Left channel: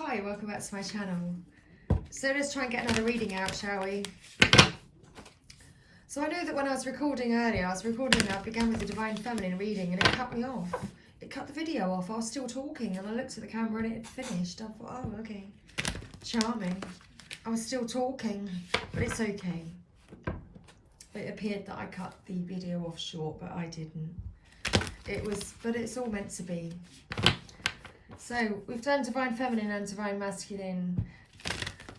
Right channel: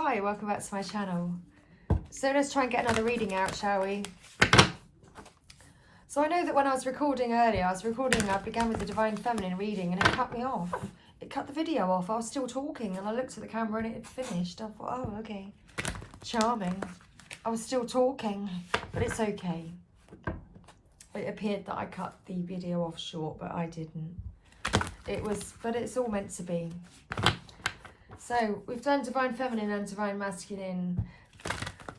Hi, welcome back to my channel. So let's try and get another reading out, shall we? So I know that when I was recording earlier, I began with the Divine Feminine reading and it cut me off. It cut the video off. I was still talking and I looked at the camera and it had finished. I thought, oh, okay. Charming. I was still talking, but it's okay. It appeared that I cut the video off short, but I didn't. But it's all meant to be. So we've done Divine Feminine and Divine Masculine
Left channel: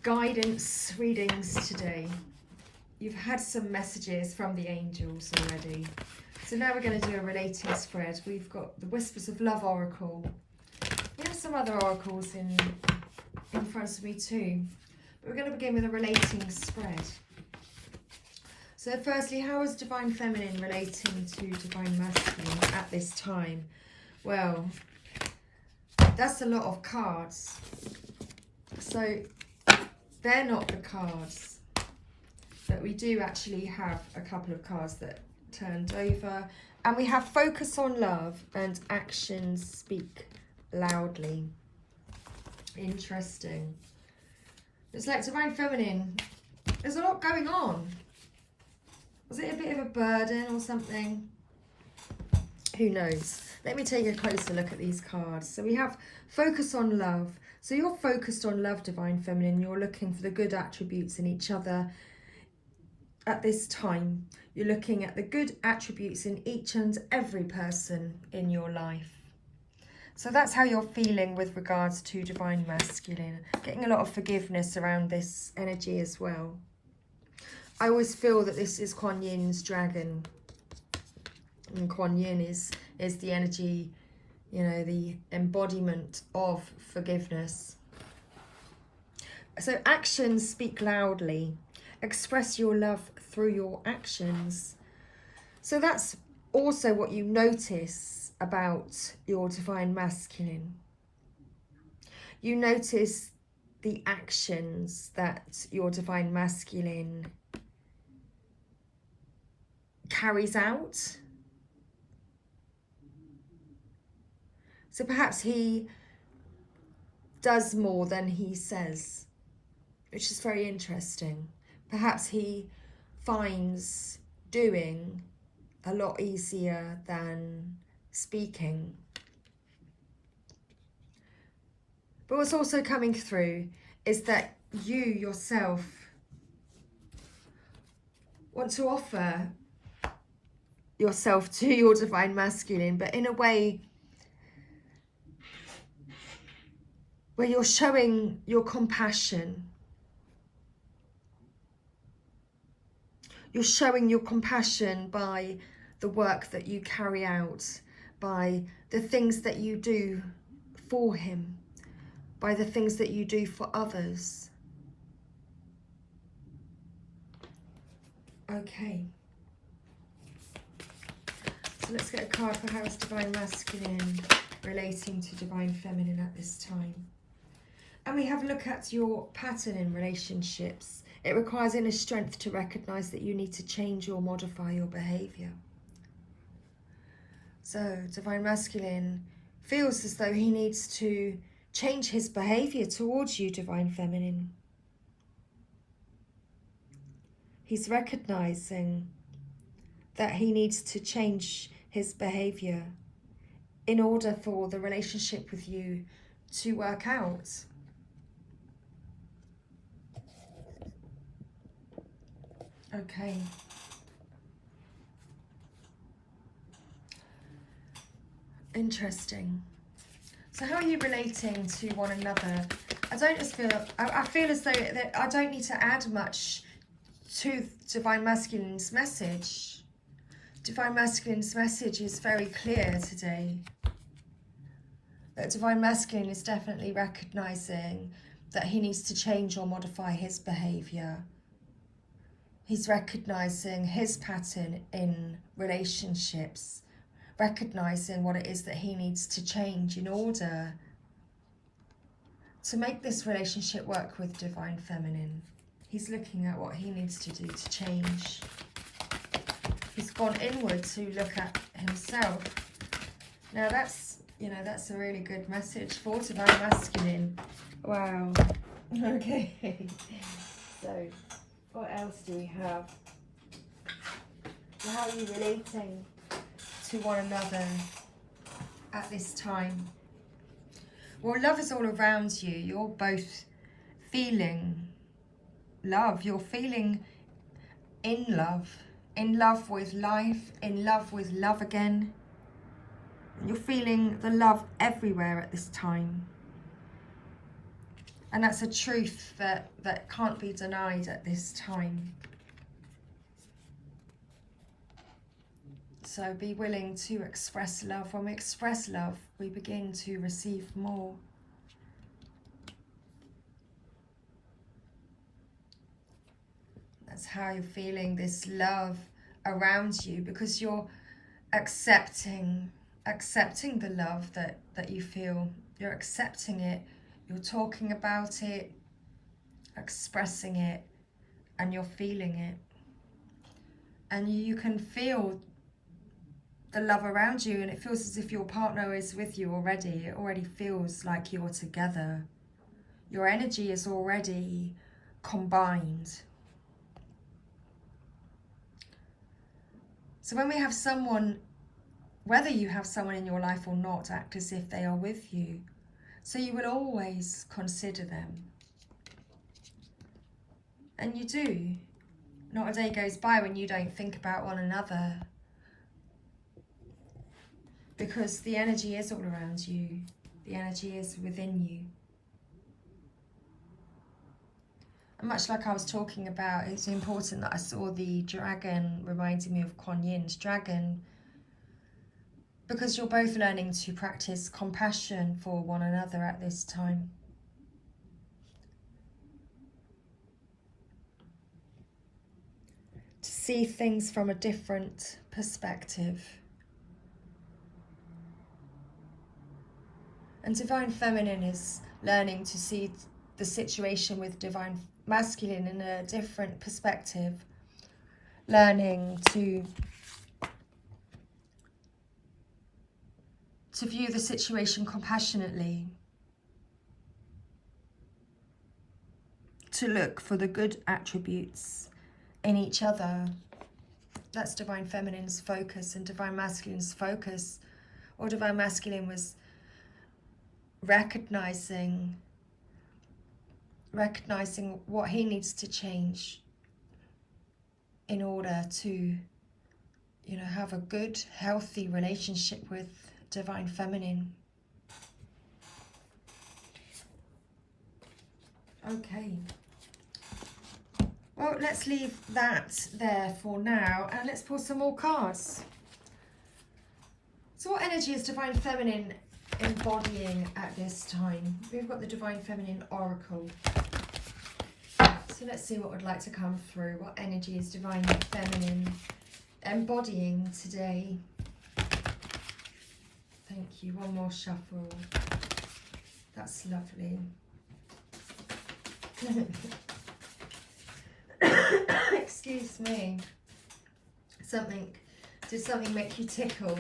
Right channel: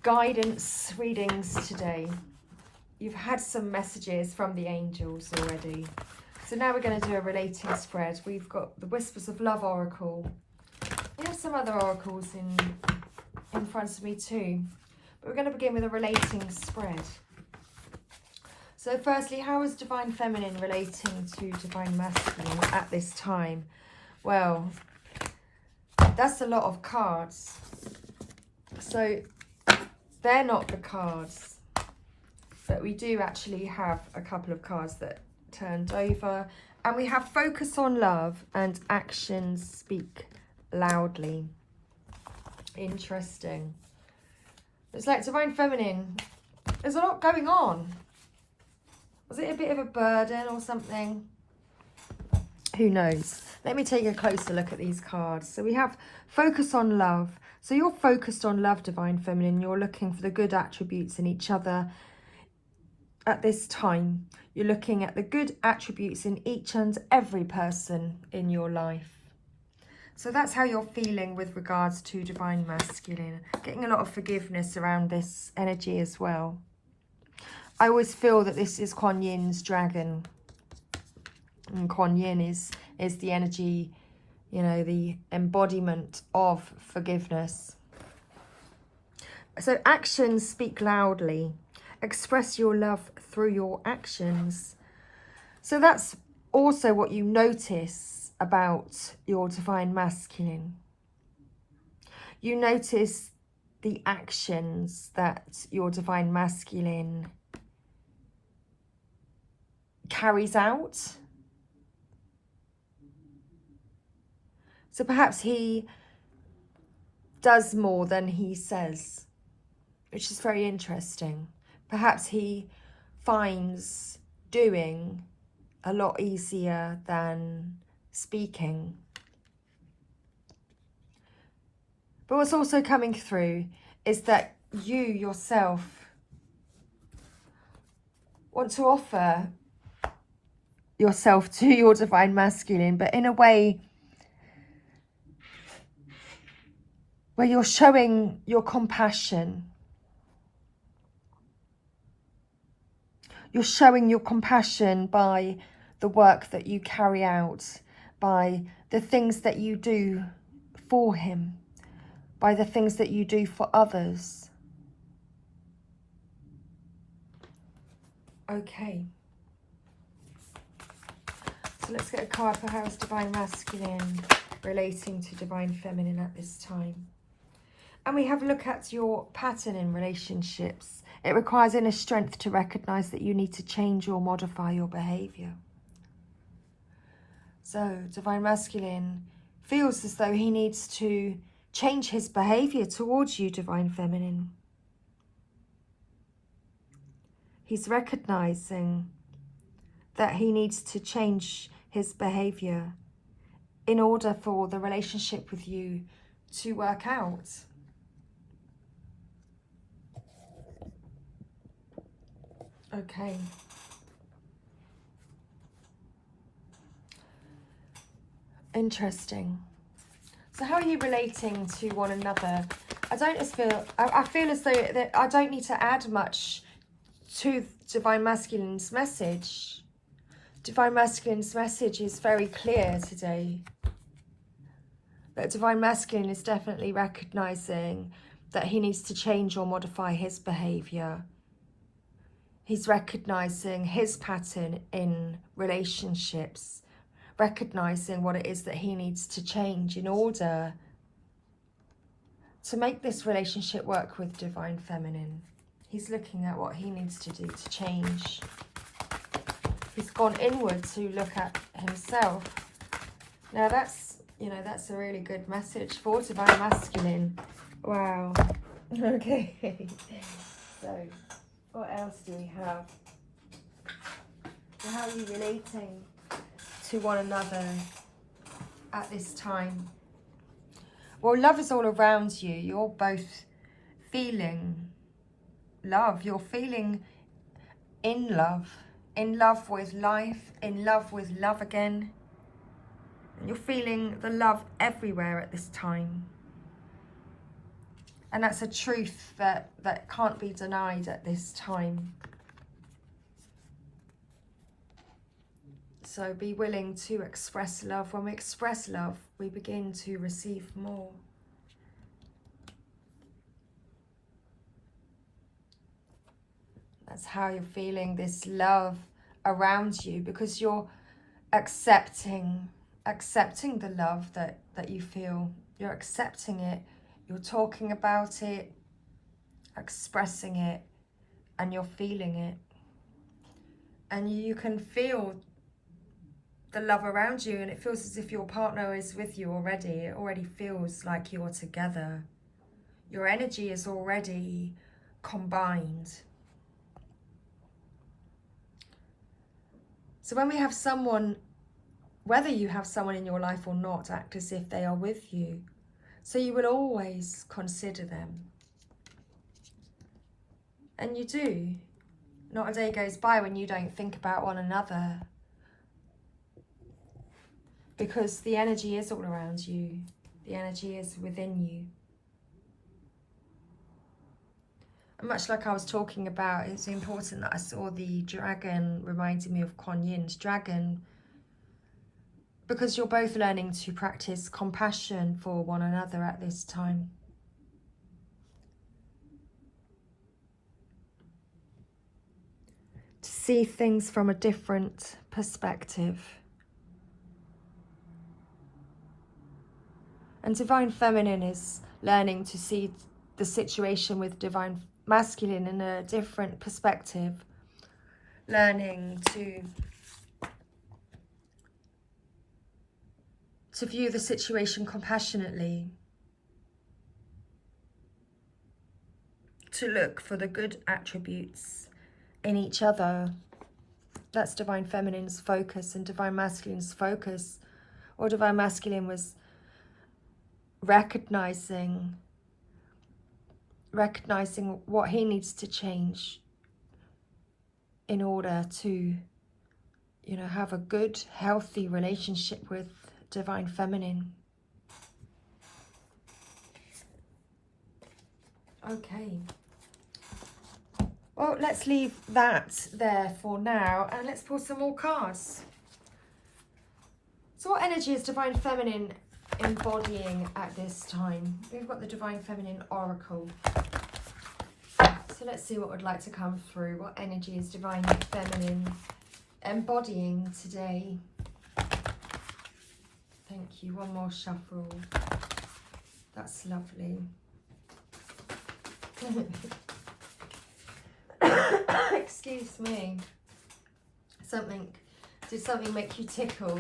guidance readings today. You've had some messages from the angels already. So now we're going to do a relating spread. We've got the Whispers of Love Oracle. We have some other oracles in front of me too. But we're going to begin with a relating spread. So firstly, how is Divine Feminine relating to Divine Masculine at this time? Well, that's a lot of cards. So they're not the cards. But we do actually have a couple of cards that turned over. And we have focus on love and actions speak loudly. Interesting. It's like Divine Feminine. There's a lot going on. Was it a bit of a burden or something? Who knows? Let me take a closer look at these cards. So we have focus on love. So you're focused on love, Divine Feminine. You're looking for the good attributes in each other at this time. You're looking at the good attributes in each and every person in your life. So that's how you're feeling with regards to Divine Masculine. Getting a lot of forgiveness around this energy as well. I always feel that this is Kuan Yin's dragon. And Kuan Yin is the energy, you know, the embodiment of forgiveness. So actions speak loudly. Express your love through your actions. So that's also what you notice about your Divine Masculine. You notice the actions that your Divine Masculine carries out. So perhaps he does more than he says, which is very interesting. Perhaps he finds doing a lot easier than speaking. But what's also coming through is that you yourself want to offer yourself to your Divine Masculine, but in a way where you're showing your compassion. You're showing your compassion by the work that you carry out, by the things that you do for him, by the things that you do for others. Okay. So let's get a card for how is Divine Masculine relating to Divine Feminine at this time. And we have a look at your pattern in relationships. It requires inner strength to recognise that you need to change or modify your behaviour. So Divine Masculine feels as though he needs to change his behaviour towards you, Divine Feminine. He's recognising that he needs to change his behaviour in order for the relationship with you to work out. Okay. Interesting. So how are you relating to one another? I feel as though that I don't need to add much to Divine Masculine's message. Divine Masculine's message is very clear today. That Divine Masculine is definitely recognising that he needs to change or modify his behaviour. He's recognising his pattern in relationships, recognising what it is that he needs to change in order to make this relationship work with Divine Feminine. He's looking at what he needs to do to change. He's gone inward to look at himself. Now that's You know, that's a really good message for Divine Masculine. Wow. Okay. So, what else do we have? How are you relating to one another at this time? Well, love is all around you. You're both feeling love. You're feeling in love with life, in love with love again. You're feeling the love everywhere at this time. And that's a truth that can't be denied at this time. So be willing to express love. When we express love, we begin to receive more. That's how you're feeling this love around you, because you're accepting the love that you feel. You're accepting it. You're talking about it, expressing it, and you're feeling it. And you can feel the love around you, and it feels as if your partner is with you already. It already feels like you're together. Your energy is already combined. So when we have someone, whether you have someone in your life or not, act as if they are with you. So you will always consider them. And you do. Not a day goes by when you don't think about one another. Because the energy is all around you. The energy is within you. And much like I was talking about, it's important that I saw the dragon reminding me of Kuan Yin's dragon. Because you're both learning to practice compassion for one another at this time. To see things from a different perspective. And Divine Feminine is learning to see the situation with Divine Masculine in a different perspective. Learning to view the situation compassionately. To look for the good attributes in each other. That's Divine Feminine's focus, and Divine Masculine's focus, or Divine Masculine was recognizing what he needs to change in order to, you know, have a good, healthy relationship with Divine Feminine. Okay. Well, let's leave that there for now, and let's pull some more cards. So what energy is Divine Feminine embodying at this time? We've got the Divine Feminine Oracle. So let's see what would like to come through. What energy is Divine Feminine embodying today? Thank you. One more shuffle. That's lovely. Excuse me. Did something make you tickle?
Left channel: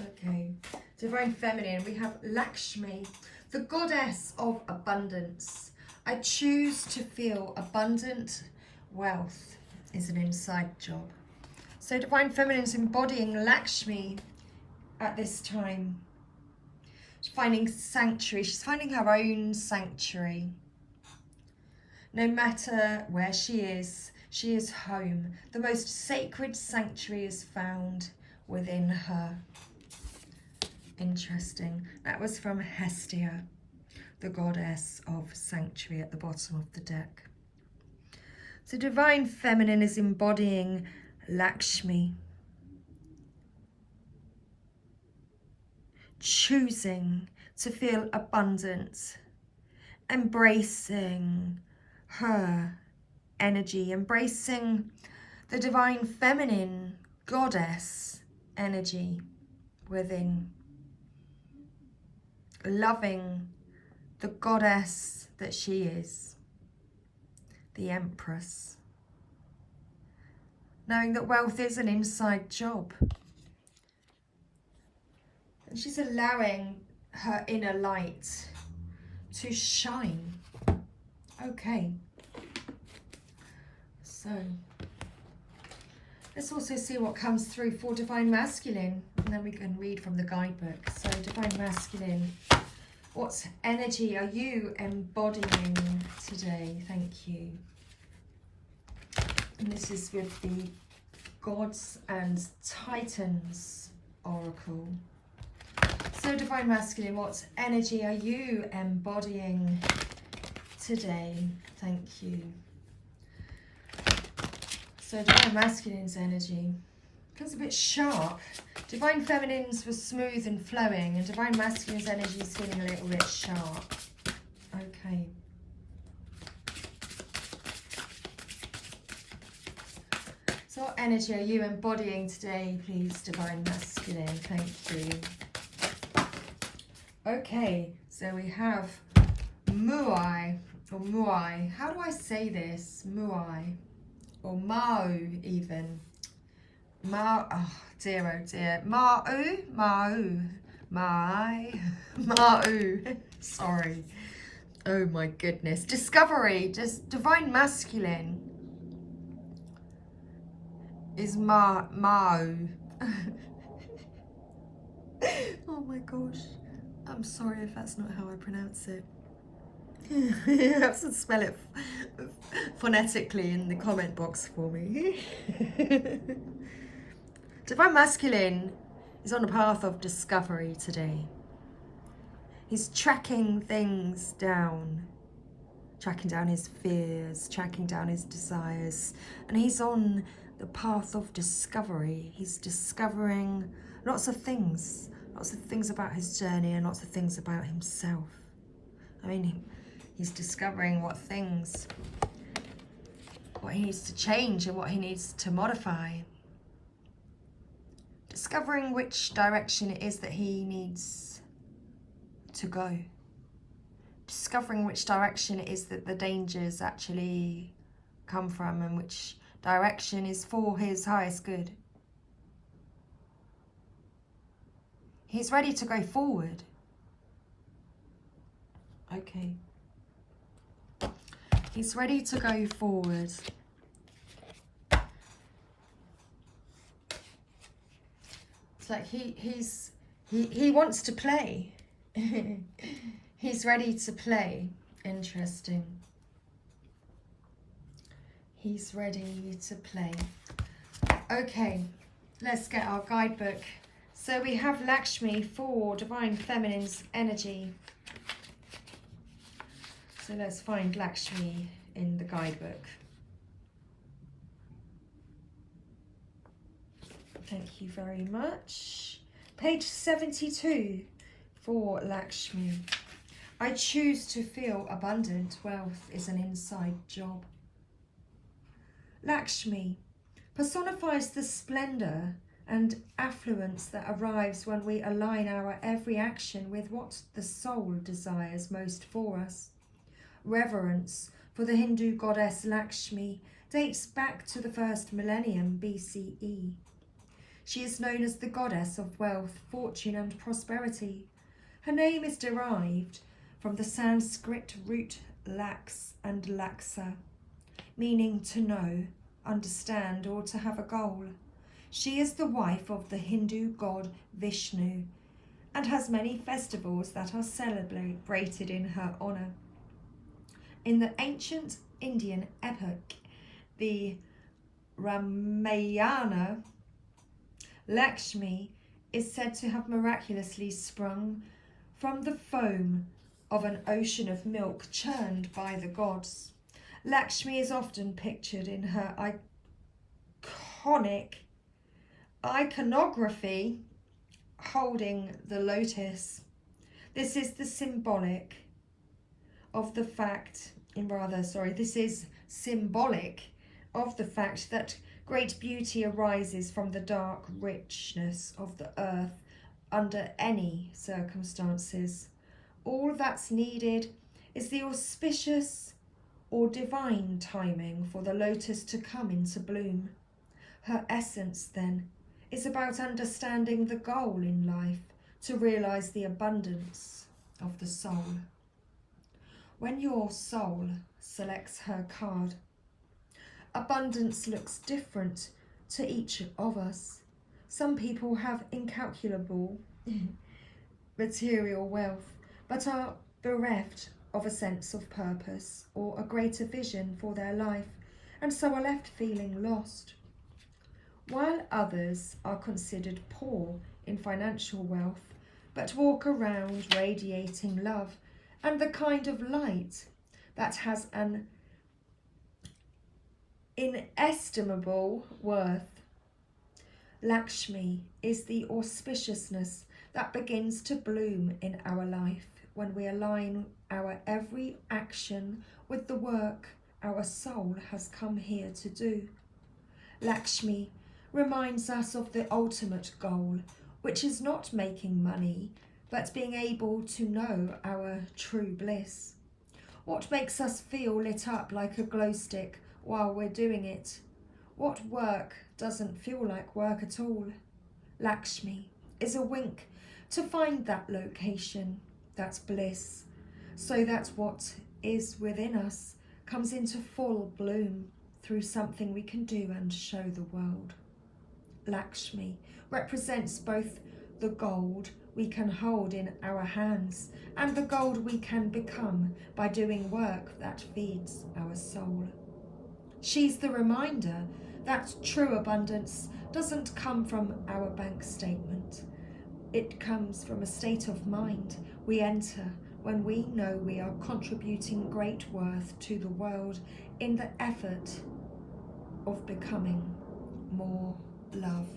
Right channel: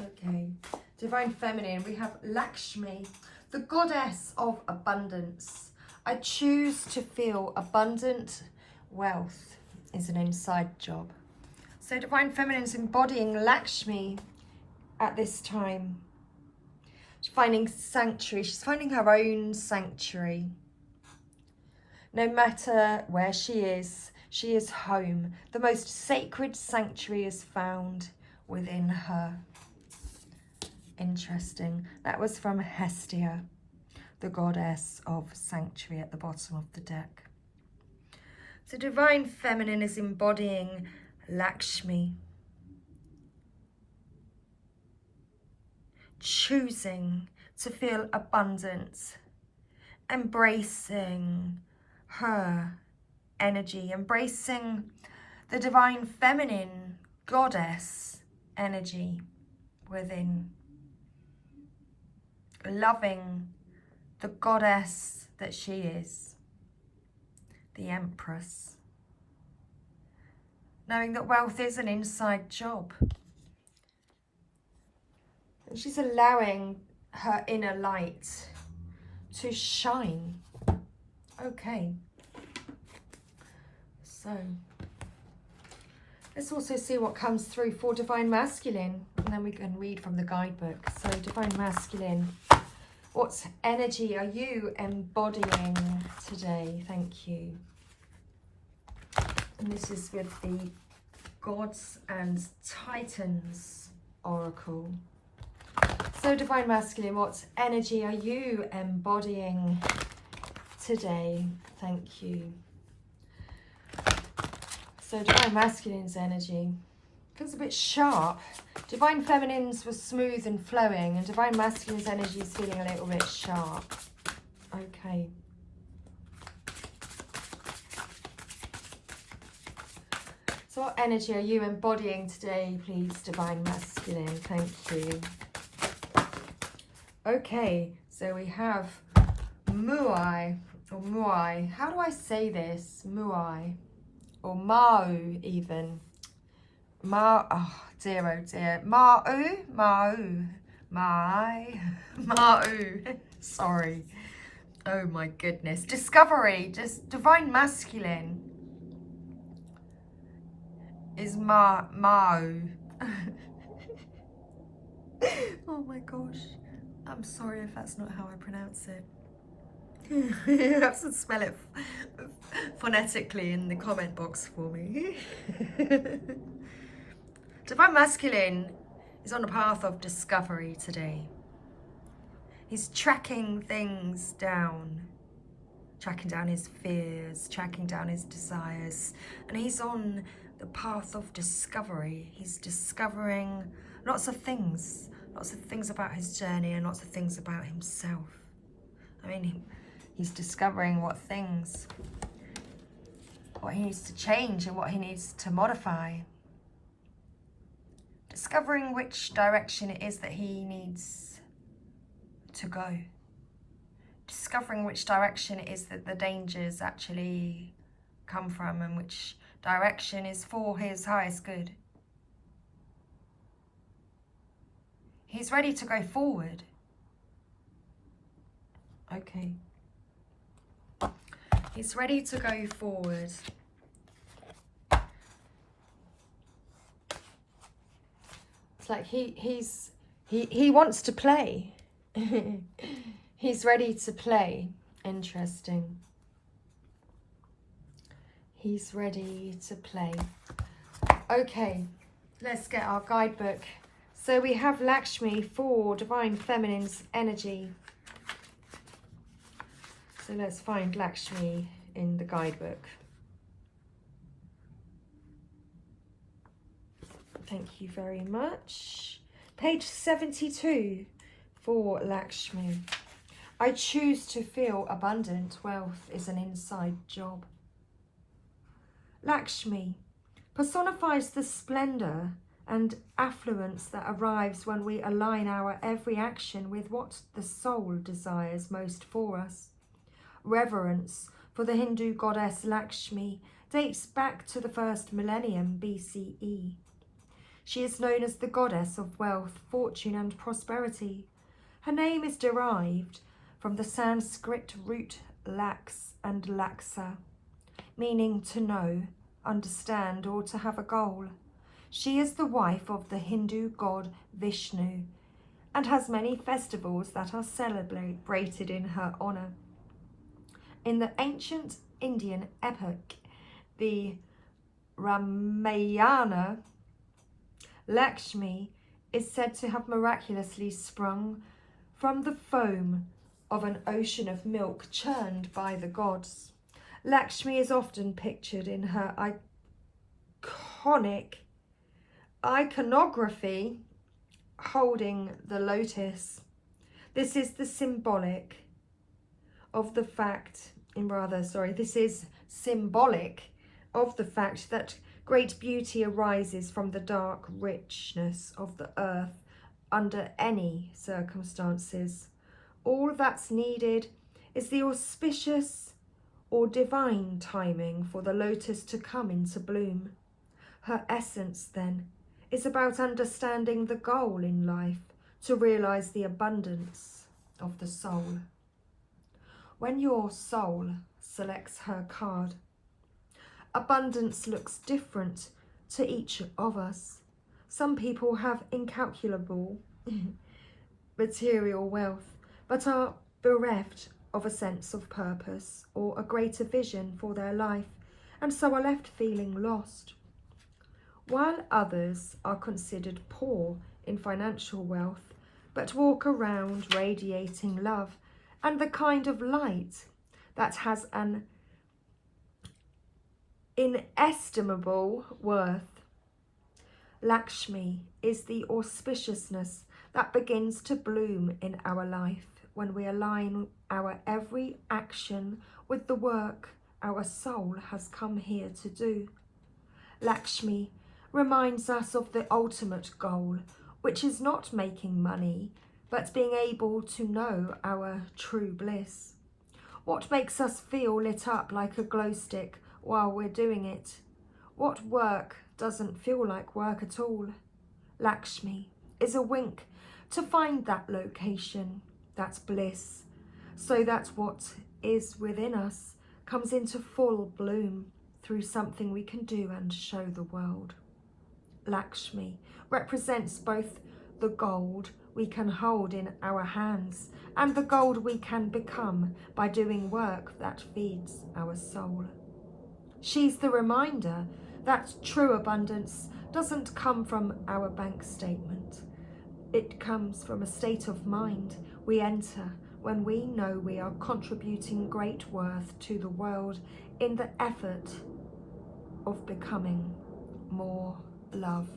Okay. Divine Feminine, we have Lakshmi, the goddess of abundance. I choose to feel abundant. Wealth is an inside job. So Divine Feminine is embodying Lakshmi at this time. She's finding sanctuary. She's finding her own sanctuary. No matter where she is home. The most sacred sanctuary is found within her. Interesting. That was from Hestia, the goddess of sanctuary, at the bottom of the deck. So Divine Feminine is embodying Lakshmi. Choosing to feel abundant. Embracing her energy. Embracing the Divine Feminine goddess energy within. Loving the goddess that she is, the Empress. Knowing that wealth is an inside job. She's allowing her inner light to shine. Okay. So let's also see what comes through for Divine Masculine, and then we can read from the guidebook. So Divine Masculine, what energy are you embodying today? Thank you. And this is with the Gods and Titans Oracle. So Divine Masculine, what energy are you embodying today? Thank you. So Divine Masculine's energy feels a bit sharp. Divine Feminine's was smooth and flowing, and Divine Masculine's energy is feeling a little bit sharp. Okay. So what energy are you embodying today, please, Divine Masculine? Thank you. Okay, so we have Muai, or Muai. How do I say this? Muai. Or Mau, even. Oh dear, oh dear. Mau. Sorry. Oh my goodness. Discovery, just Divine Masculine is Mau. Oh my gosh. I'm sorry if that's not how I pronounce it. You have to spell it phonetically in the comment box for me. Divine Masculine is on a path of discovery today. He's tracking things down, tracking down his fears, tracking down his desires, and he's on the path of discovery. He's discovering lots of things about his journey and lots of things about himself. I mean, he's discovering what he needs to change and what he needs to modify. Discovering which direction it is that he needs to go. Discovering which direction it is that the dangers actually come from and which direction is for his highest good. He's ready to go forward. Okay. He's ready to go forward. It's like he wants to play. He's ready to play. Interesting. He's ready to play. Okay, let's get our guidebook. So we have Lakshmi for Divine Feminine's energy. So let's find Lakshmi in the guidebook. Thank you very much. Page 72 for Lakshmi. I choose to feel abundant. Wealth is an inside job. Lakshmi personifies the splendor and affluence that arrives when we align our every action with what the soul desires most for us. Reverence for the Hindu goddess Lakshmi dates back to the first millennium BCE. She is known as the goddess of wealth, fortune and prosperity. Her name is derived from the Sanskrit root lax and laksa, meaning to know, understand or to have a goal. She is the wife of the Hindu god Vishnu and has many festivals that are celebrated in her honour. In the ancient Indian epic, the Ramayana, Lakshmi is said to have miraculously sprung from the foam of an ocean of milk churned by the gods. Lakshmi is often pictured in her iconography holding the lotus. This is symbolic of the fact that great beauty arises from the dark richness of the earth under any circumstances. All that's needed is the auspicious or divine timing for the lotus to come into bloom. Her essence, then, is about understanding the goal in life, to realise the abundance of the soul. When your soul selects her card, abundance looks different to each of us. Some people have incalculable material wealth, but are bereft of a sense of purpose or a greater vision for their life, and so are left feeling lost. While others are considered poor in financial wealth, but walk around radiating love and the kind of light that has an inestimable worth. Lakshmi is the auspiciousness that begins to bloom in our life when we align our every action with the work our soul has come here to do. Lakshmi reminds us of the ultimate goal, which is not making money, but being able to know our true bliss. What makes us feel lit up like a glow stick while we're doing it? What work doesn't feel like work at all? Lakshmi is a wink to find that location, that bliss, so that what is within us comes into full bloom through something we can do and show the world. Lakshmi represents both the gold we can hold in our hands and the gold we can become by doing work that feeds our soul. She's the reminder that true abundance doesn't come from our bank statement. It comes from a state of mind we enter when we know we are contributing great worth to the world in the effort of becoming more love.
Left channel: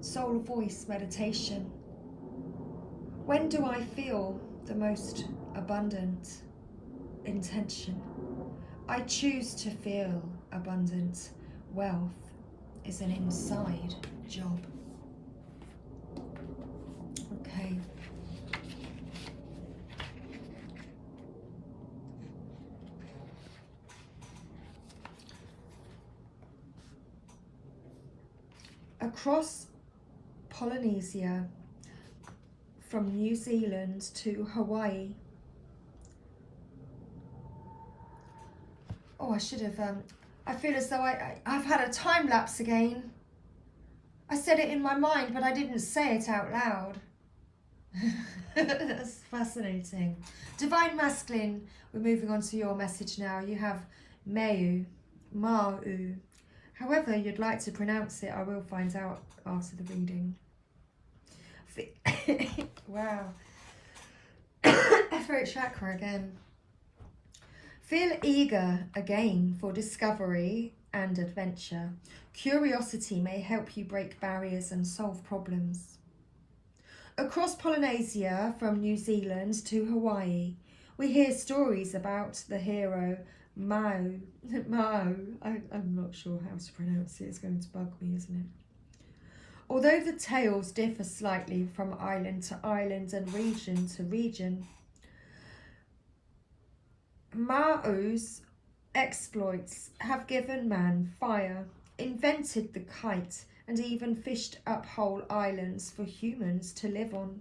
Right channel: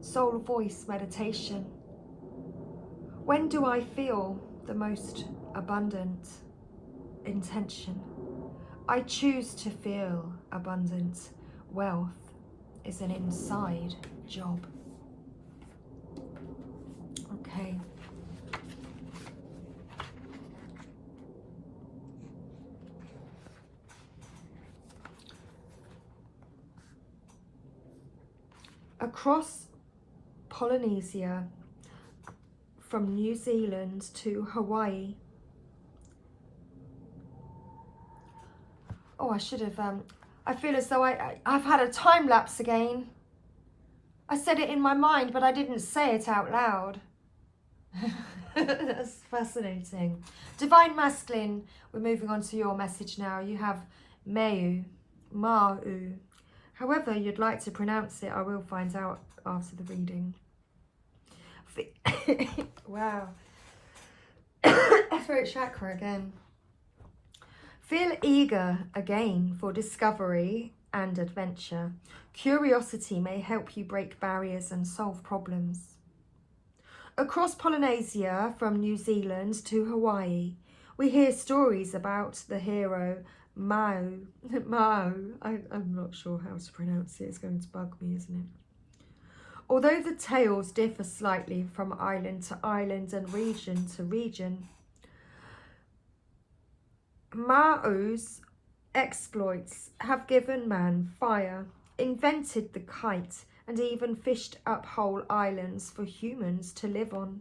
Soul voice meditation. When do I feel the most abundant? Intention. I choose to feel abundant. Wealth is an inside job. Okay. Across Polynesia, from New Zealand to Hawaii. Oh, I should have, I feel as though I've had a time lapse again. I said it in my mind, but I didn't say it out loud. That's fascinating. Divine Masculine, we're moving on to your message now. You have Mau, Mau. However you'd like to pronounce it, I will find out after the reading. Wow. Throat chakra again. Feel eager again for discovery and adventure. Curiosity may help you break barriers and solve problems. Across Polynesia, from New Zealand to Hawaii, we hear stories about the hero Mau. I'm not sure how to pronounce it. It's going to bug me, isn't it? Although the tales differ slightly from island to island and region to region, Mau's exploits have given man fire, invented the kite, and even fished up whole islands for humans to live on.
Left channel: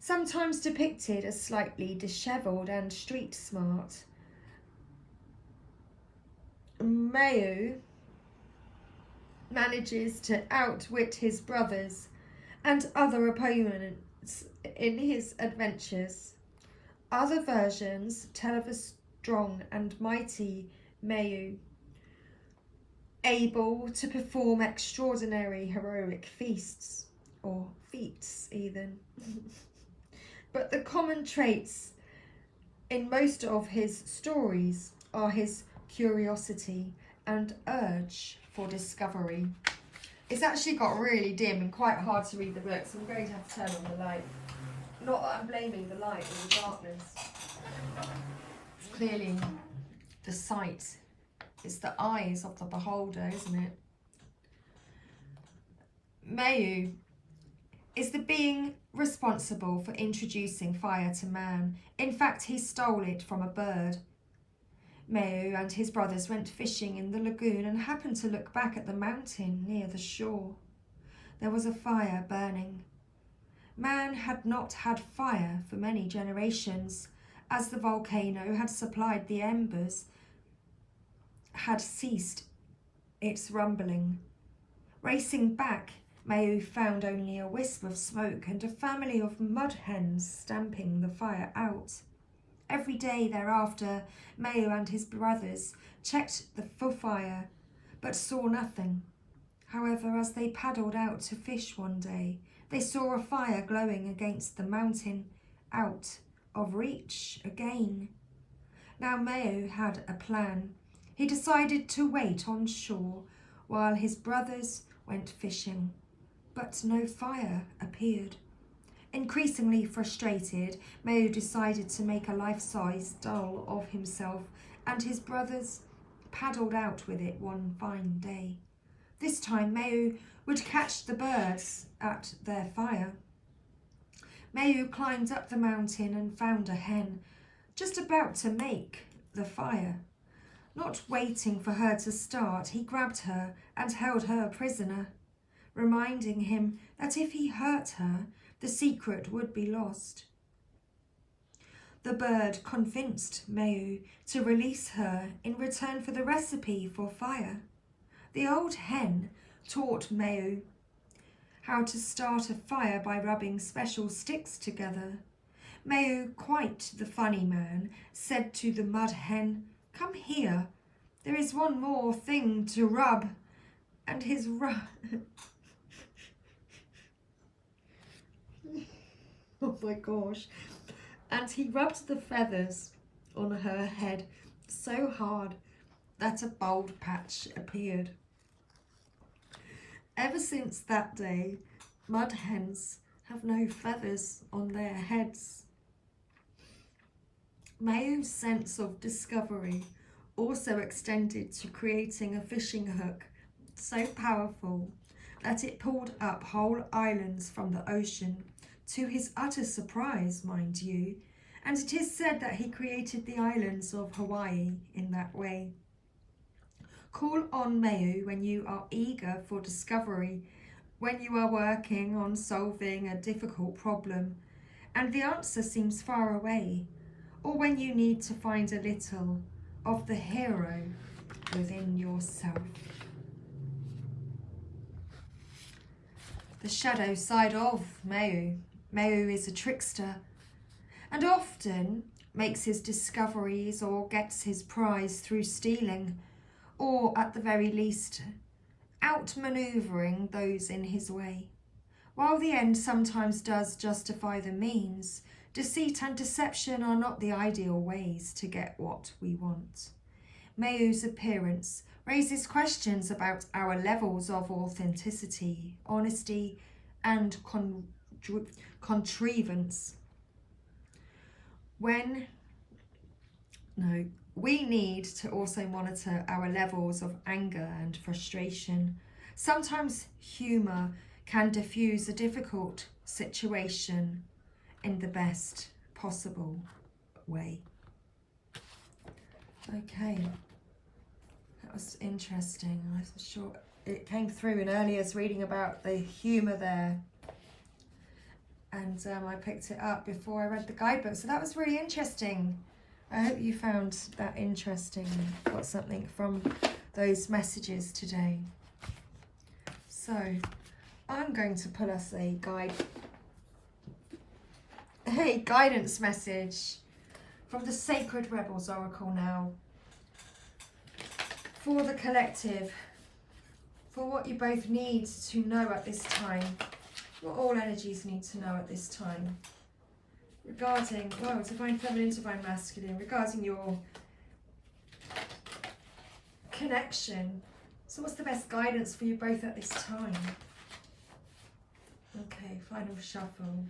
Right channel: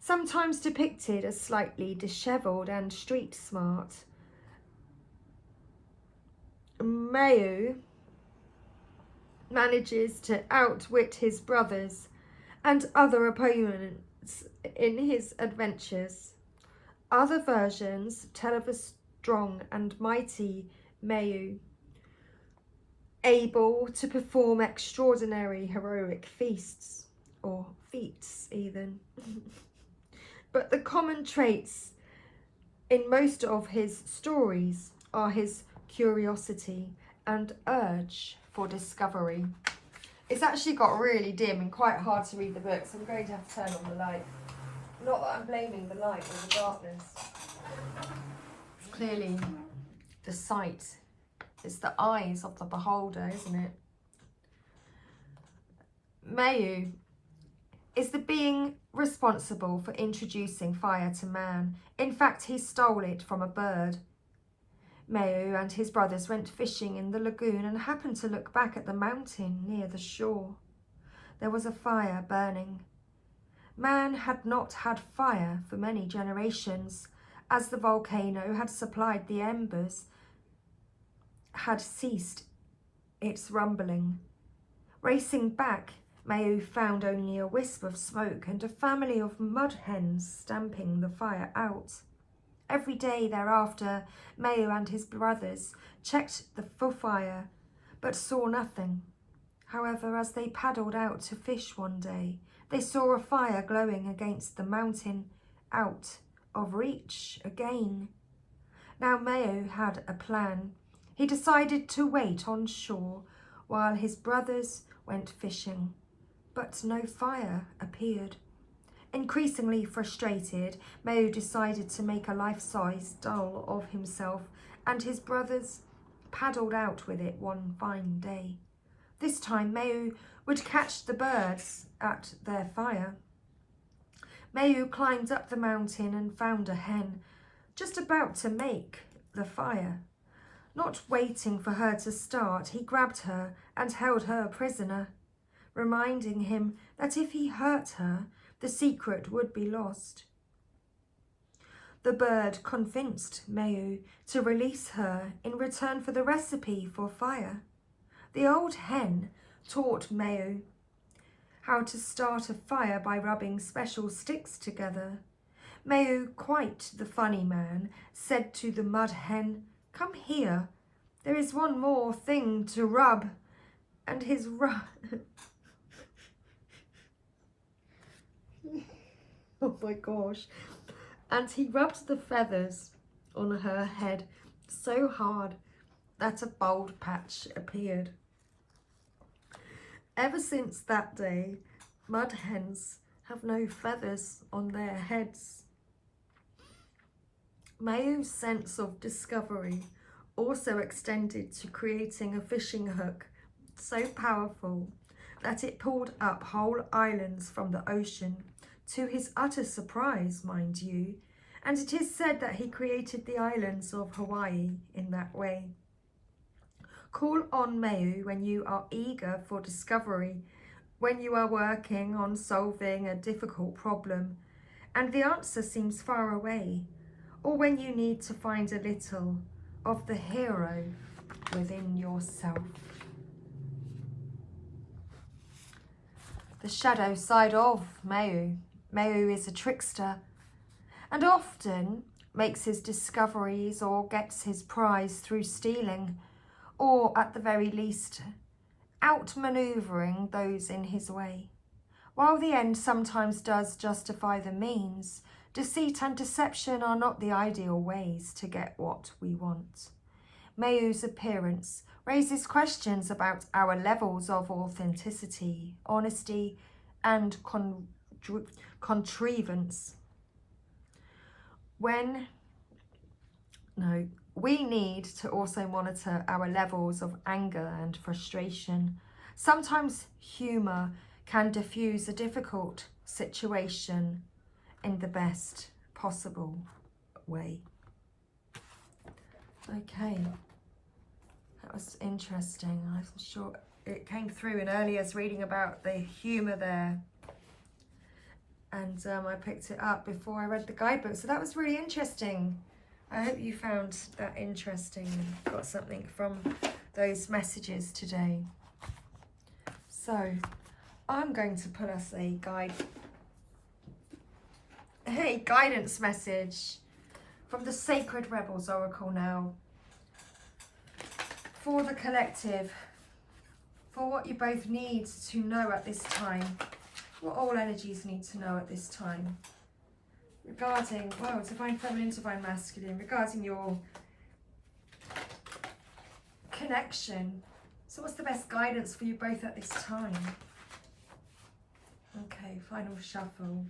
Sometimes depicted as slightly dishevelled and street smart, Mau manages to outwit his brothers and other opponents in his adventures. Other versions tell of a strong and mighty Mau, able to perform extraordinary heroic feats, or feats even. But the common traits in most of his stories are his curiosity and urge for discovery. It's actually got really dim and quite hard to read the book, so I'm going to have to turn on the light. Not that I'm blaming the light or the darkness. It's clearly the sight. It's the eyes of the beholder, isn't it? Mau is the being responsible for introducing fire to man. In fact, he stole it from a bird. Mau and his brothers went fishing in the lagoon and happened to look back at the mountain near the shore. there was a fire burning. Man had not had fire for many generations, as the volcano had supplied the embers, had ceased its rumbling. Racing back, Mayu found only a wisp of smoke and a family of mud hens stamping the fire out. Every day thereafter, Mayu and his brothers checked the fire, but saw nothing. However, as they paddled out to fish one day, they saw a fire glowing against the mountain, out of reach again. Now Mayu had a plan. He decided to wait on shore while his brothers went fishing, but no fire appeared. Increasingly frustrated, Mayu decided to make a life-size doll of himself, and his brothers paddled out with it one fine day. This time Mayu would catch the birds at their fire. Mayu climbed up the mountain and found a hen, just about to make the fire. Not waiting for her to start, he grabbed her and held her prisoner, reminding him that if he hurt her, the secret would be lost. The bird convinced Mayu to release her in return for the recipe for fire. The old hen taught Mayu how to start a fire by rubbing special sticks together. Mayu, quite the funny man, said to the mud hen, "Come here, there is one more thing to rub," and his oh my gosh. And he rubbed the feathers on her head so hard that a bald patch appeared. Ever since that day, mud hens have no feathers on their heads. Mayu's sense of discovery also extended to creating a fishing hook so powerful that it pulled up whole islands from the ocean, to his utter surprise, mind you, and it is said that he created the islands of Hawaii in that way. Call on Mayu when you are eager for discovery, when you are working on solving a difficult problem and the answer seems far away, or when you need to find a little of the hero within yourself. The shadow side of Mayu. Mayu is a trickster and often makes his discoveries or gets his prize through stealing, or at the very least outmanoeuvring those in his way. While the end sometimes does justify the means, deceit and deception are not the ideal ways to get what we want. Mayu's appearance raises questions about our levels of authenticity, honesty, and contrivance. We need to also monitor our levels of anger and frustration. Sometimes humour can diffuse a difficult situation in the best possible way. Okay, that was interesting. I'm sure it came through in earlier's reading about the humour there. And I picked it up before I read the guidebook. So that was really interesting. I hope you found that interesting and got something from those messages today. So I'm going to pull us a guidance message from the Sacred Rebels Oracle now. For the collective, for what you both need to know at this time, what all energies need to know at this time. Regarding, divine feminine, divine masculine, regarding your connection. So what's the best guidance for you both at this time? Okay, final shuffle.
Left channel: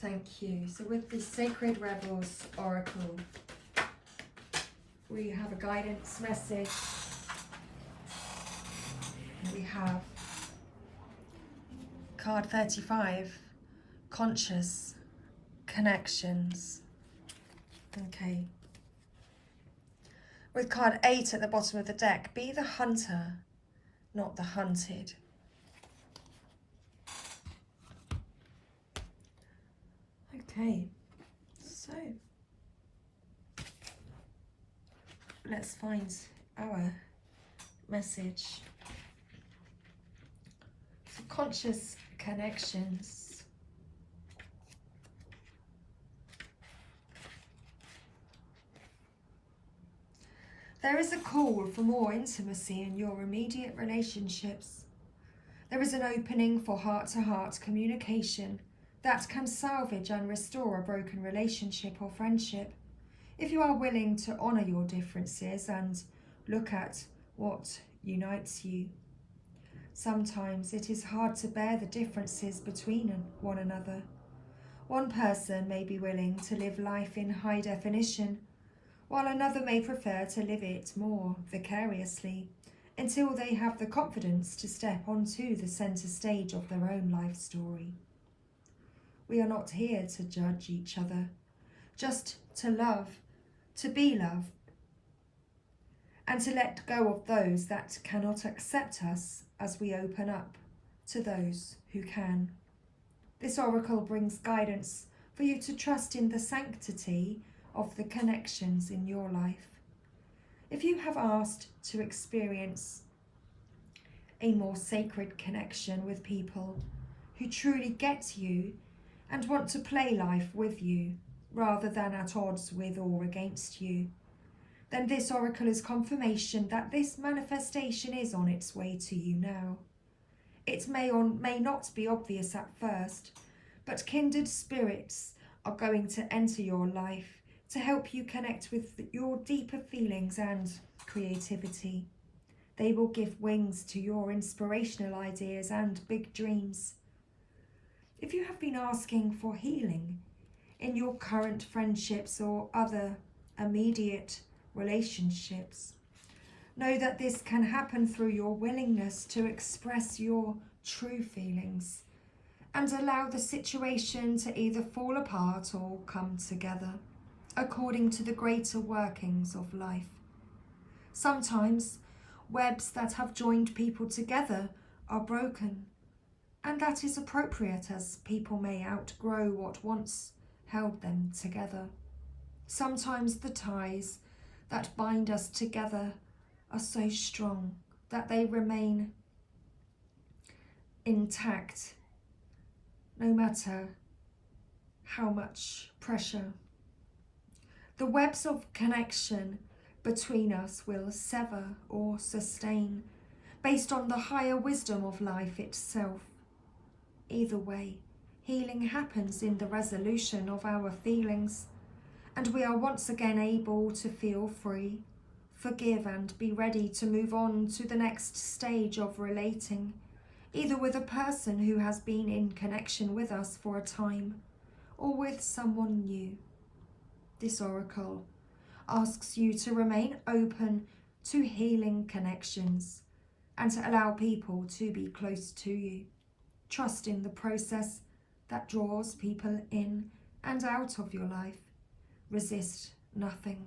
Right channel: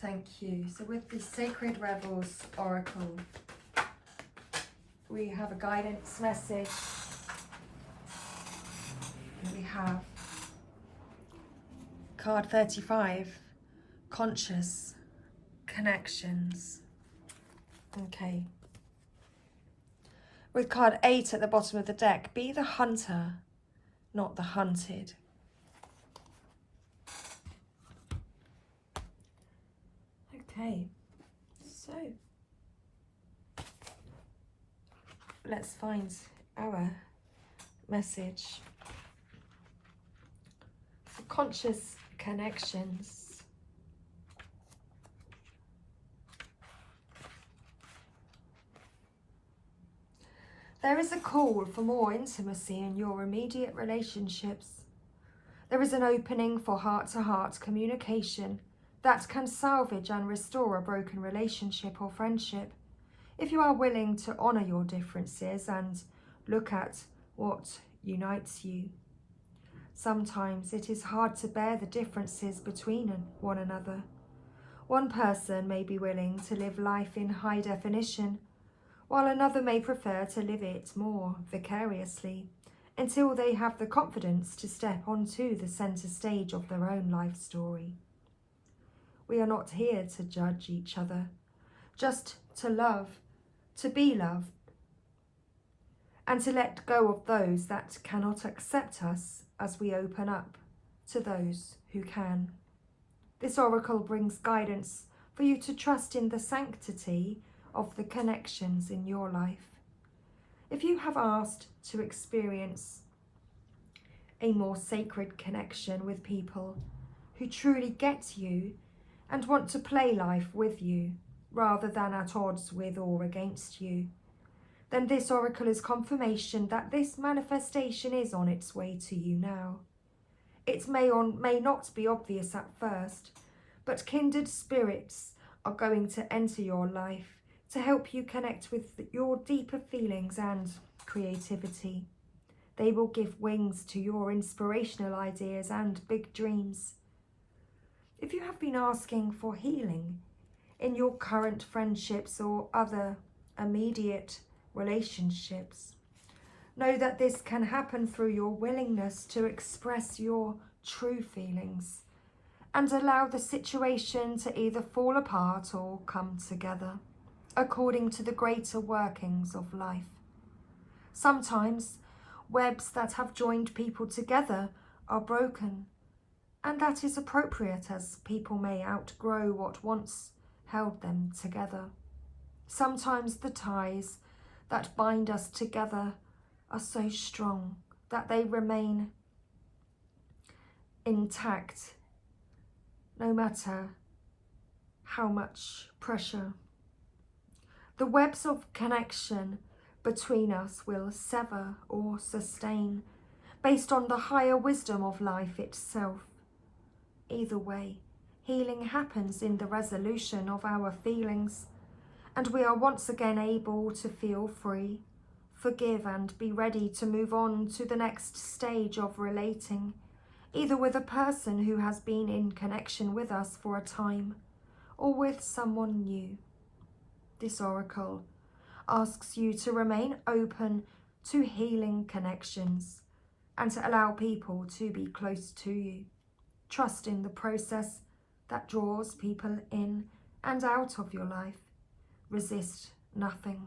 Thank you. So with the Sacred Rebels Oracle, we have a guidance message. We have card 35. Conscious connections. Okay. With card 8 at the bottom of the deck, be the hunter not the hunted. Okay, so let's find our message. Subconscious connections. There is a call for more intimacy in your immediate relationships. There is an opening for heart-to-heart communication that can salvage and restore a broken relationship or friendship. If you are willing to honour your differences and look at what unites you. Sometimes it is hard to bear the differences between one another. One person may be willing to live life in high definition, while another may prefer to live it more vicariously, until they have the confidence to step onto the centre stage of their own life story. We are not here to judge each other, just to love, to be loved, and to let go of those that cannot accept us as we open up to those who can. This oracle brings guidance for you to trust in the sanctity of the connections in your life. If you have asked to experience a more sacred connection with people who truly get you and want to play life with you rather than at odds with or against you, then this oracle is confirmation that this manifestation is on its way to you now. It may or may not be obvious at first, but kindred spirits are going to enter your life to help you connect with your deeper feelings and creativity. They will give wings to your inspirational ideas and big dreams. If you have been asking for healing in your current friendships or other immediate relationships, know that this can happen through your willingness to express your true feelings and allow the situation to either fall apart or come together according to the greater workings of life. Sometimes webs that have joined people together are broken, and that is appropriate as people may outgrow what once held them together. Sometimes the ties that bind us together are so strong that they remain intact no matter how much pressure. The webs of connection between us will sever or sustain based on the higher wisdom of life itself. Either way, healing happens in the resolution of our feelings, and we are once again able to feel free, forgive, and be ready to move on to the next stage of relating, either with a person who has been in connection with us for a time, or with someone new. This oracle asks you to remain open to healing connections and to allow people to be close to you. Trust in the process that draws people in and out of your life. Resist nothing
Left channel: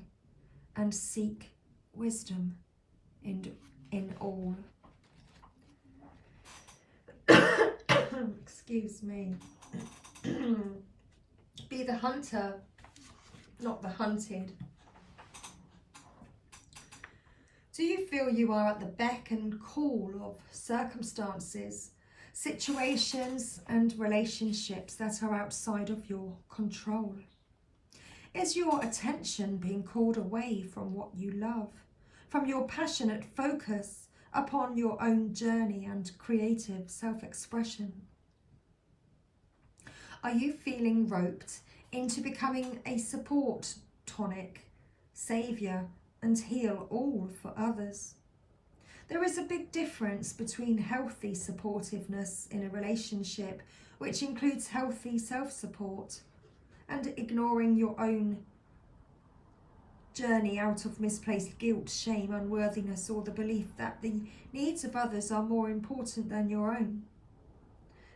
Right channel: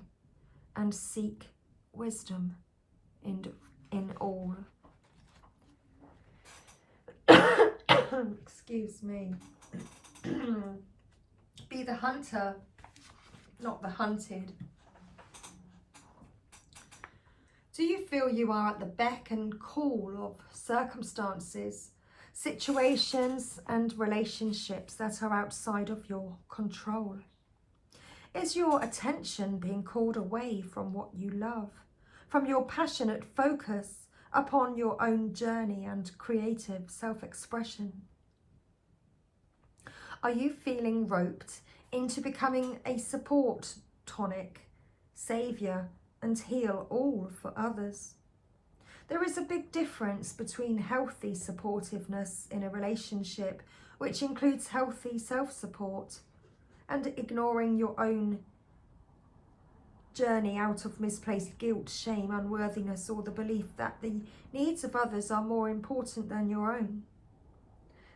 and seek wisdom in all. Excuse me. Be the hunter, not the hunted. Do you feel you are at the beck and call of circumstances, situations, and relationships that are outside of your control? Is your attention being called away from what you love, from your passionate focus upon your own journey and creative self-expression? Are you feeling roped into becoming a support tonic, saviour, and heal all for others? There is a big difference between healthy supportiveness in a relationship, which includes healthy self-support, and ignoring your own journey out of misplaced guilt, shame, unworthiness, or the belief that the needs of others are more important than your own.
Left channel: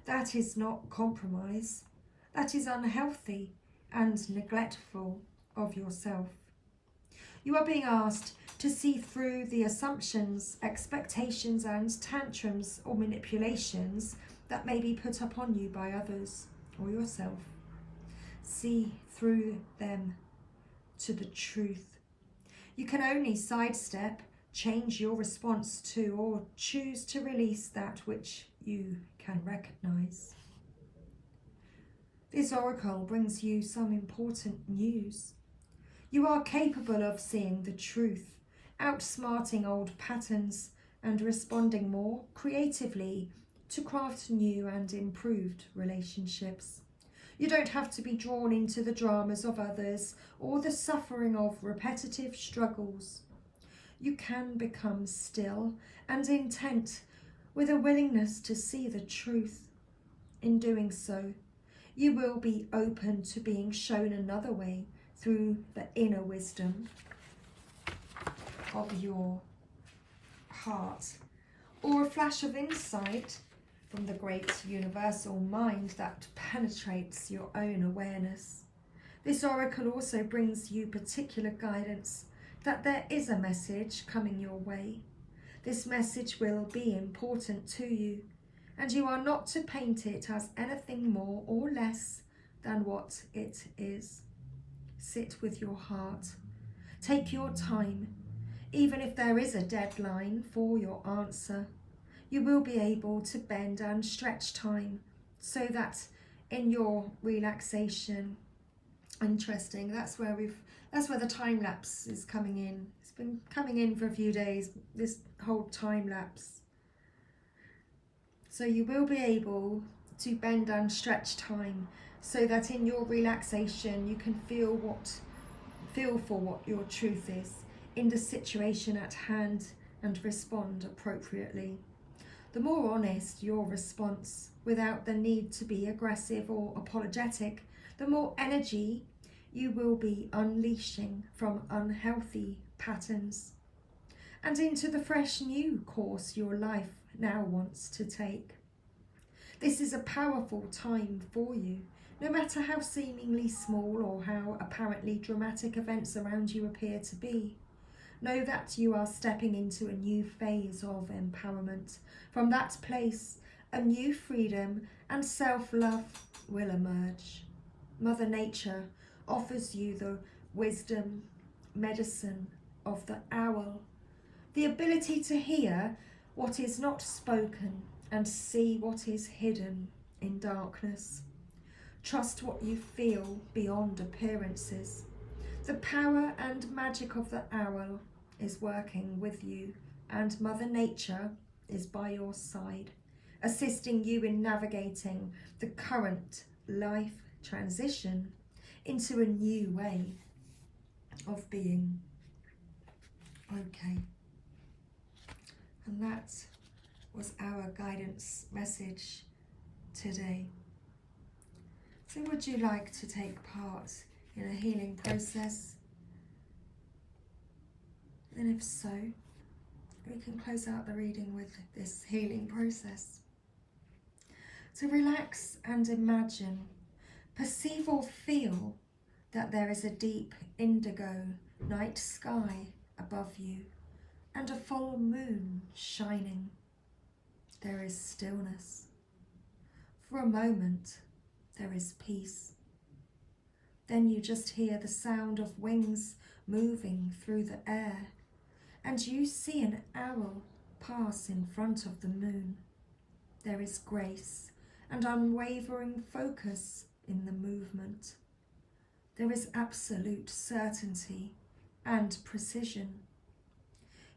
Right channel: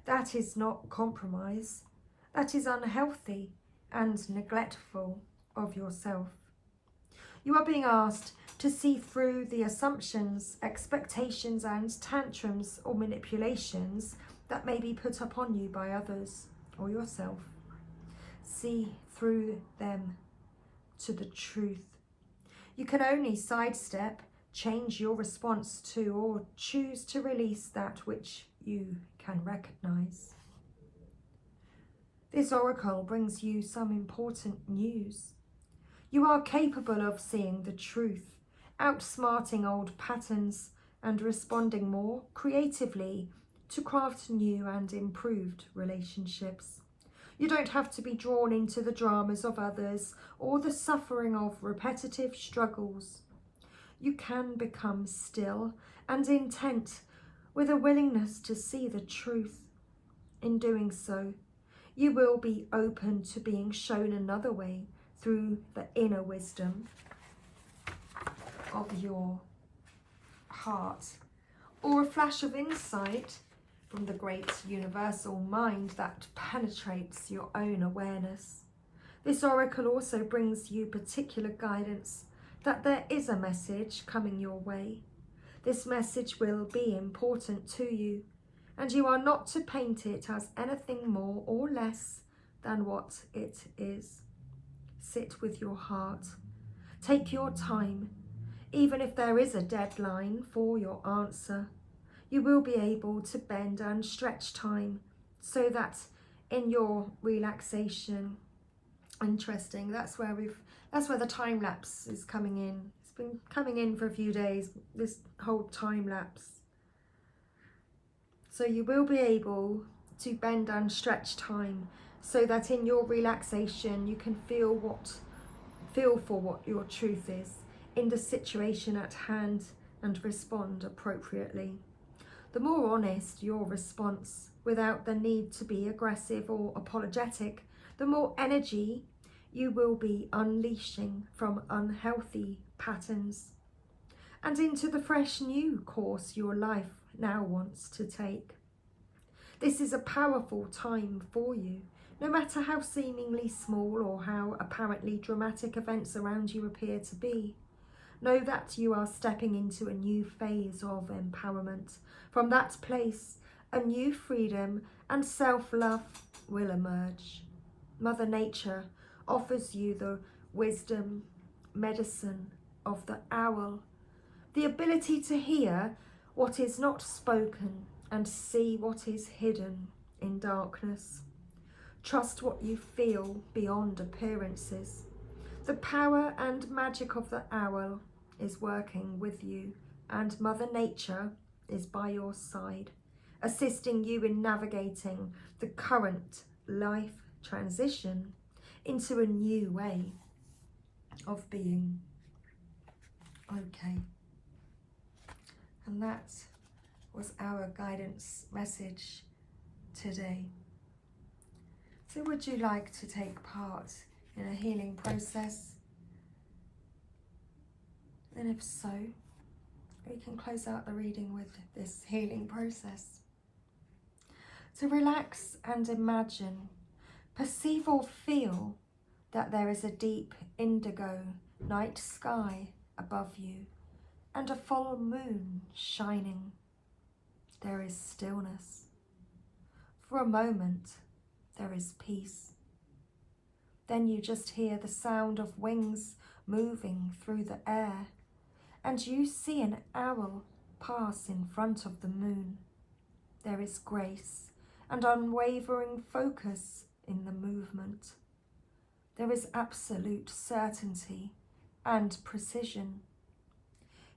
That is not compromise. That is unhealthy and neglectful of yourself. You are being asked to see through the assumptions, expectations and tantrums or manipulations that may be put upon you by others or yourself. See through them to the truth. You can only sidestep, change your response to, or choose to release that which you can recognize. This oracle brings you some important news. You are capable of seeing the truth, outsmarting old patterns and responding more creatively to craft new and improved relationships. You don't have to be drawn into the dramas of others or the suffering of repetitive struggles. You can become still and intent with a willingness to see the truth. In doing so, you will be open to being shown another way through the inner wisdom of your heart, or a flash of insight from the great universal mind that penetrates your own awareness. This oracle also brings you particular guidance that there is a message coming your way. This message will be important to you, and you are not to paint it as anything more or less than what it is. Sit with your heart. Take your time. Even if there is a deadline for your answer, you will be able to bend and stretch time so that in your relaxation, interesting, that's where the time lapse is coming in. It's been coming in for a few days, this whole time lapse. So you will be able to bend and stretch time so that in your relaxation you can feel for what your truth is in the situation at hand and respond appropriately. The more honest your response, without the need to be aggressive or apologetic, the more energy you will be unleashing from unhealthy patterns and into the fresh new course your life now wants to take. This is a powerful time for you, no matter how seemingly small or how apparently dramatic events around you appear to be. Know that you are stepping into a new phase of empowerment. From that place, a new freedom and self-love will emerge. Mother Nature offers you the wisdom, medicine of the owl, the ability to hear what is not spoken and see what is hidden in darkness. Trust what you feel beyond appearances. The power and magic of the owl is working with you, and Mother Nature is by your side, assisting you in navigating the current life transition into a new way of being. Okay. And that was our guidance message today. So would you like to take part in a healing process? And if so, we can close out the reading with this healing process. So relax and imagine, perceive or feel that there is a deep indigo night sky above you and a full moon shining. There is stillness. For a moment, there is peace. Then you just hear the sound of wings moving through the air, and you see an owl pass in front of the moon. There is grace and unwavering focus in the movement. There is absolute certainty and precision.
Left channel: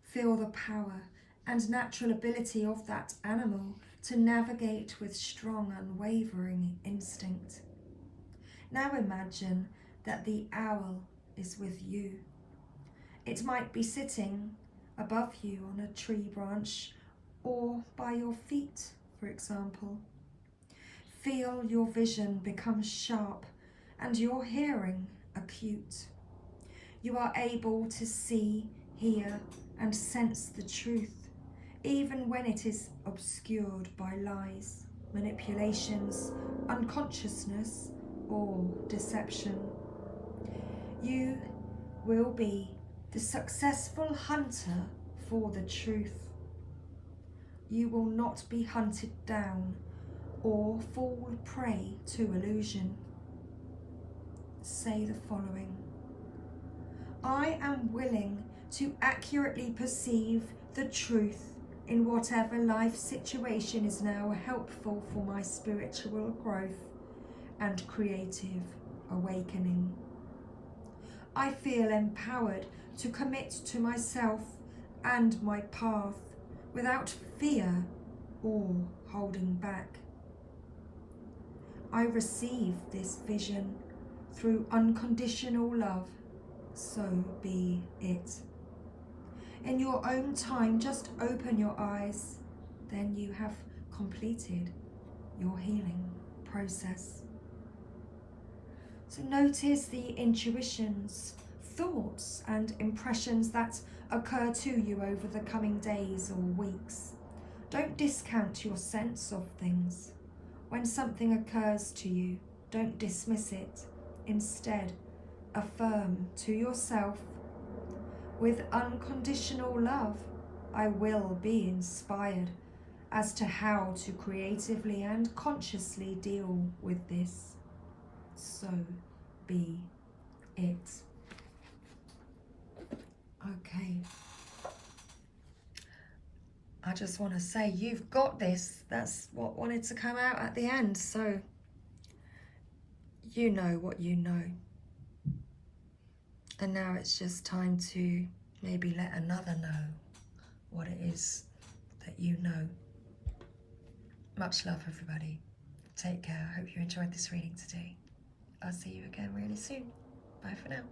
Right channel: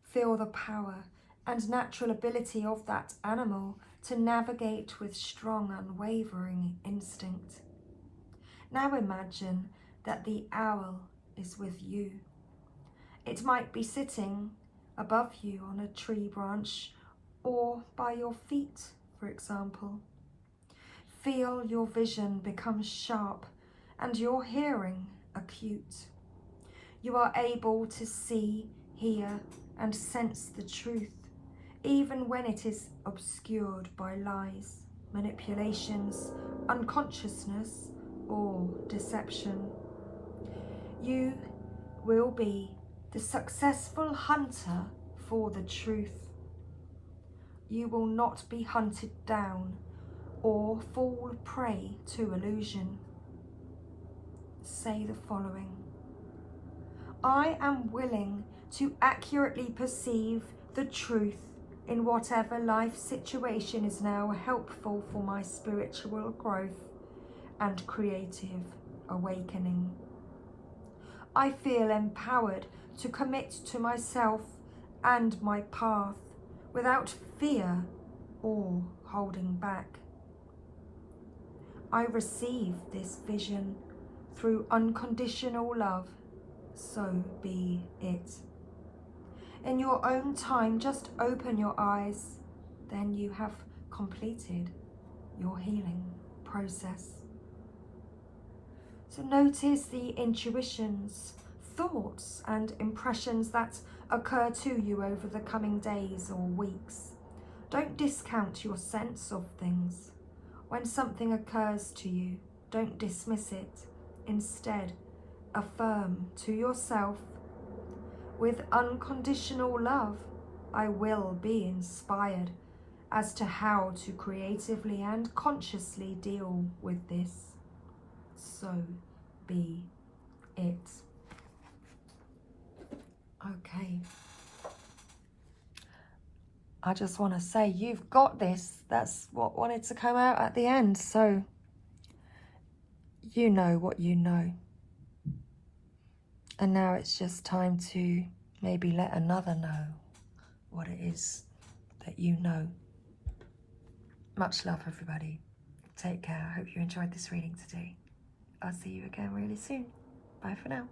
Feel the power and natural ability of that animal to navigate with strong, unwavering instinct. Now imagine that the owl is with you. It might be sitting above you on a tree branch or by your feet, for example. Feel your vision become sharp and your hearing acute. You are able to see, hear, and sense the truth, even when it is obscured by lies, manipulations, unconsciousness, or deception. You will be the successful hunter for the truth. You will not be hunted down or fall prey to illusion. Say the following: I am willing to accurately perceive the truth in whatever life situation is now helpful for my spiritual growth and creative awakening. I feel empowered to commit to myself and my path without fear or holding back. I receive this vision through unconditional love, so be it. In your own time, just open your eyes, then you have completed your healing process. So notice the intuitions, thoughts and impressions that occur to you over the coming days or weeks. Don't discount your sense of things. When something occurs to you, don't dismiss it. Instead, affirm to yourself, with unconditional love, I will be inspired as to how to creatively and consciously deal with this. So be it. Okay. I just want to say, you've got this. That's what wanted to come out at the end. So you know what you know. And now it's just time to maybe let another know what it is that you know. Much love, everybody. Take care. I hope you enjoyed this reading today. I'll see you again really soon. Bye for now.